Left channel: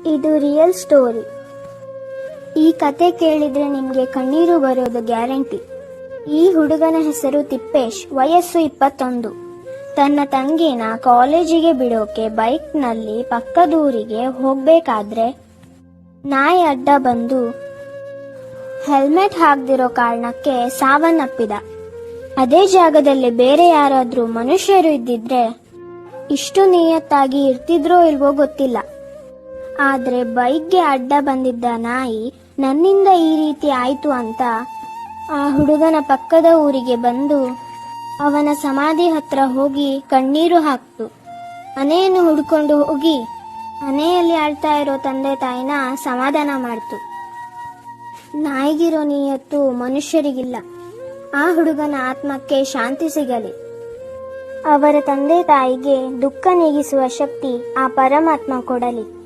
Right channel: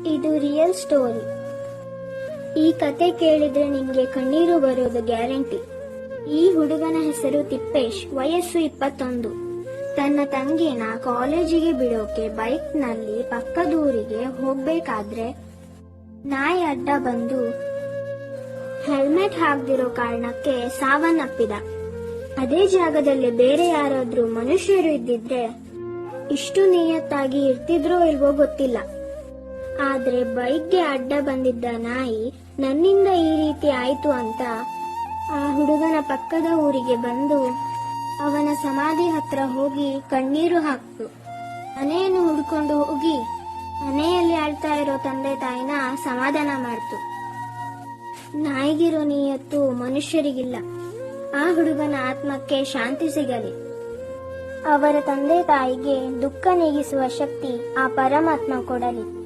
ಇದು real story. ಈ ಕತೆ ಕೇಳಿದ್ರೆ ನಿಮ್ಗೆ ಕಣ್ಣೀರು ಬರೋದು ಗ್ಯಾರಂಟಿ. ಈ ಹುಡುಗನ ಹೆಸರು ತಿಪ್ಪೇಶ್, ವಯಸ್ಸು 21. ತನ್ನ ತಂಗಿನ ಕಾಲೇಜಿಗೆ ಬಿಡೋಕೆ ಬೈಕ್ನಲ್ಲಿ ಪಕ್ಕದೂರಿಗೆ ಹೋಗ್ಬೇಕಾದ್ರೆ ನಾಯಿ ಅಡ್ಡ ಬಂದು ಹೆಲ್ಮೆಟ್ ಹಾಕ್ದಿರೋ ಕಾರಣಕ್ಕೆ ಸಾವನ್ನಪ್ಪಿದ. ಅದೇ ಜಾಗದಲ್ಲಿ ಬೇರೆ ಯಾರಾದ್ರೂ ಮನುಷ್ಯರು ಇದ್ದಿದ್ರೆ ಇಷ್ಟು ನಿಯತ್ತಾಗಿ ಇರ್ತಿದ್ರೋ ಇಲ್ವೋ ಗೊತ್ತಿಲ್ಲ. ಆದ್ರೆ ಬೈಕ್ಗೆ ಅಡ್ಡ ಬಂದಿದ್ದ ನಾಯಿ ನನ್ನಿಂದ ಈ ರೀತಿ ಆಯ್ತು ಅಂತ ಆ ಹುಡುಗನ ಪಕ್ಕದ ಊರಿಗೆ ಬಂದು ಅವನ ಸಮಾಧಿ ಹತ್ರ ಹೋಗಿ ಕಣ್ಣೀರು ಹಾಕ್ತು. ಮನೆಯನ್ನು ಹುಡ್ಕೊಂಡು ಹೋಗಿ ಮನೆಯಲ್ಲಿ ಆಳ್ತಾ ಇರೋ ತಂದೆ ತಾಯಿನ ಸಮಾಧಾನ ಮಾಡ್ತು. ನಾಯಿಗಿರೋ ನಿಯತ್ತು ಮನುಷ್ಯರಿಗಿಲ್ಲ. ಆ ಹುಡುಗನ ಆತ್ಮಕ್ಕೆ ಶಾಂತಿ ಸಿಗಲಿ. ಅವರ ತಂದೆ ತಾಯಿಗೆ ದುಃಖ ನೀಗಿಸುವ ಶಕ್ತಿ ಆ ಪರಮಾತ್ಮ ಕೊಡಲಿ.